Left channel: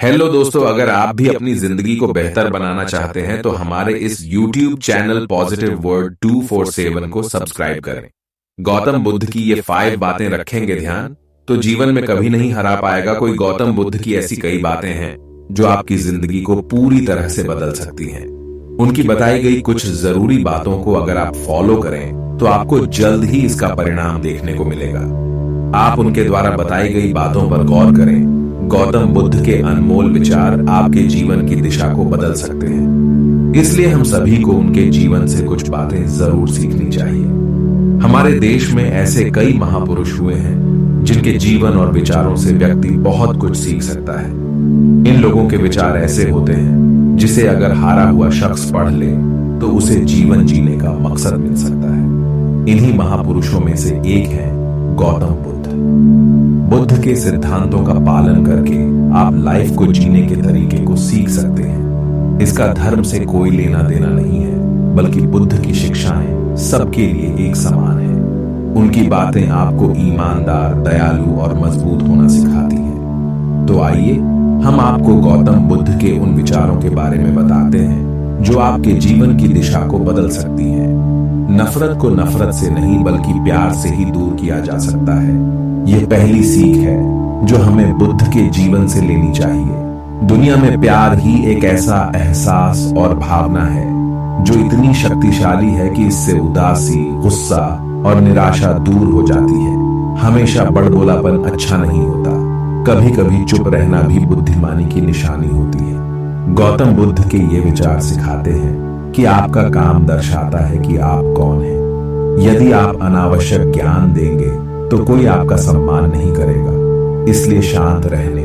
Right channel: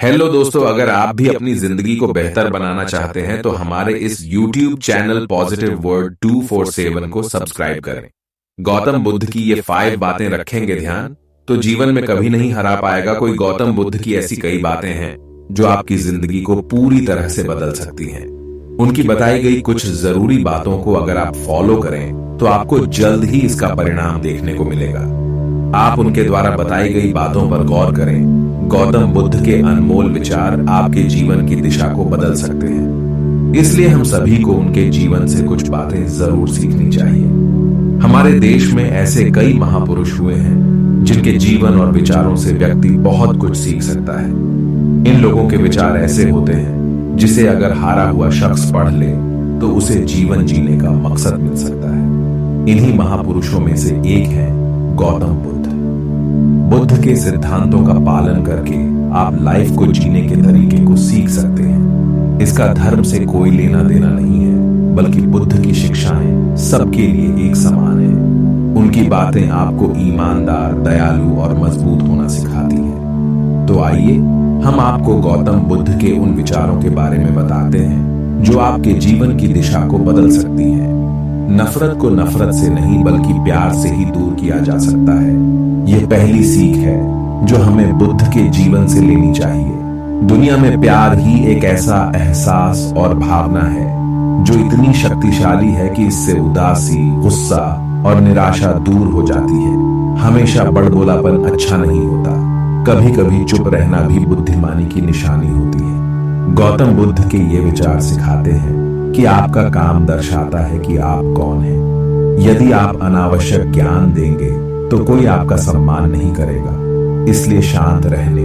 Hello दोस्तों, अगर आप भी अपनी जिंदगी को बेहतर बनाना चाहते हैं तो हमारे इस YouTube चैनल पॉजिटिव वर्ड 247 को सब्सक्राइब करें। गौतम बुद्ध की ये 5 बातें रखेंगे ध्यान तो जीवन में कभी नहीं हरा पाएगा कोई। गौतम बुद्ध की ऐसी कई बातें हैं जो आपकी जिंदगी को पूरी तरह से बदल सकती हैं। उनकी बताई गई कुछ जरूरी बातों को अगर आप फॉलो करें तो आपको जल्द ही इसका परिणाम देखने को मिलेगा। आप उनके द्वारा बताई गई बातों पर गौर करें। गौतम बुद्ध के अनमोल विचार आपके जीवन की दिशा को बदल सकते हैं, इसलिए हम सभी को उनके जीवन से कुछ बातें जरूर सीखनी चाहिए। हमारे देश में ऐसे कई महापुरुष हुए हैं जिनके जीवन और विचारों से व्यक्ति बहुत कुछ सीख सकता है। इन लोगों के विचार ऐसे होते हैं जिसे अगर हारा हुआ शख्स पढ़ ले तो उसे जीवन जीने का मकसद मिल सकता है। इन्हीं महापुरुषों में से एक है गौतम बुद्ध। बुद्ध के सिद्धांतों का पालन करके आप लाइफ को जीने के तरीके को सीख सकते हैं। इसका धर्म से कोई लेना देना नहीं है, बल्कि बुद्ध की शिक्षाएं सबके लिए एक समान है। उनकी बातें आपको ईमानदार, दयालु और मजबूत होना सिखाती हैं। तो आइए हम आपको गौतम बुद्ध के उन विचारों के बारे में बताते हैं जो आपके जीवन की दिशा को बदल सकती हैं। नफरत को नफरत से नहीं बल्कि प्यार से ही दूर किया जा सकता है। यह पहली सीख है जो हमें बुद्ध के जीवन से लेनी चाहिए। दुनिया में प्यार ही एक ऐसा एहसास और भावना है जो इतनी शक्तिशाली है कि इससे उदासी, गुस्सा और निराशा दूर हो जाती है। हमेशा बड़बोलापन अच्छा नहीं होता, कभी कभी चुप रहना भी बुद्धिमानी की निशानी होती है। गौतम बुद्ध के ये विचार सिखाते हैं कि आपका काम दर्शाता है कि आप कौन हैं। यदि आप अनावश्यक ज्ञान देंगे तो कोई आपका सम्मान नहीं करेगा। इसलिए शांत रहने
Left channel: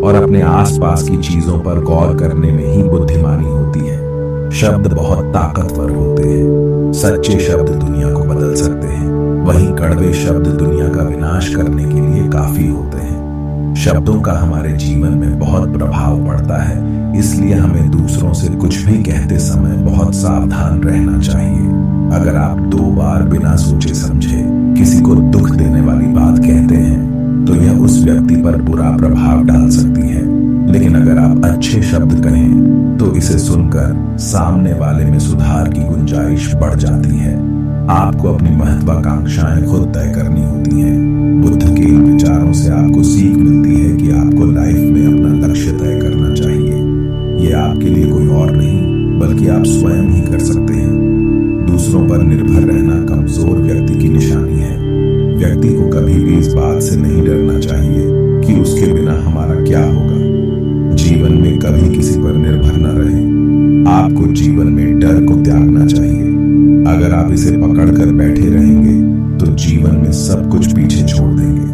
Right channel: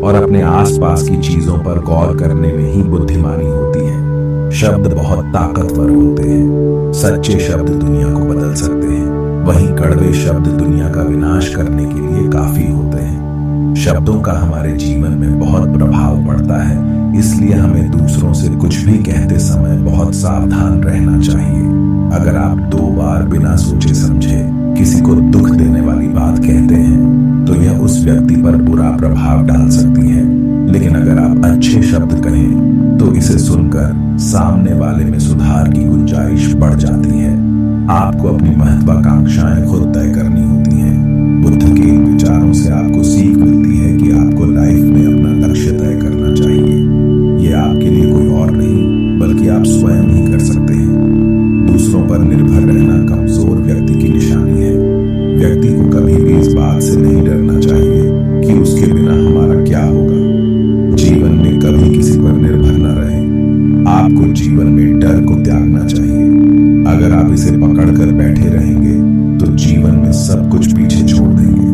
और अपने आसपास की चीजों पर गौर करने में ही बुद्धिमानी होती है। शब्द बहुत ताकतवर होते हैं। सच्चे शब्द दुनिया को बदल सकते हैं, वहीं कड़वे शब्द दुनिया का विनाश करने के लिए काफी होते हैं। शब्दों का हमारे जीवन में बहुत प्रभाव पड़ता है, इसलिए हमें दूसरों से कुछ भी कहते समय बहुत सावधान रहना चाहिए। अगर आप 2 बार बिना सोचे समझे किसी को दुख देने वाली बात कहते हैं तो यह उस व्यक्ति पर बुरा प्रभाव डाल सकती है, लेकिन अगर आप अच्छे शब्द कहें तो इसे सुनकर सामने वाले में सुधार की गुंजाइश बढ़ जाती है। आपको अपनी महत्वाकांक्षाएं खुद तय करनी होती हैं। बुद्ध के इन विचारों से आपको सीख मिलती है कि आपको लाइफ में अपना लक्ष्य तय करना चाहिए। यह आपके लिए कोई और नहीं बल्कि आप स्वयं ही कर सकते हैं। दूसरों पर निर्भर रहना कमजोर व्यक्ति की निशानी है। व्यक्ति को कभी भी इस बात से नहीं डरना चाहिए कि उसके बिना हमारा क्या होगा। जीवन में कभी किसी पर निर्भर न रहें। आपको जीवन में डर को त्यागना चाहिए। अगर आप इसे पकड़ कर बैठे रहेंगे तो जीवन में सब कुछ पीछे छोड़ देंगे।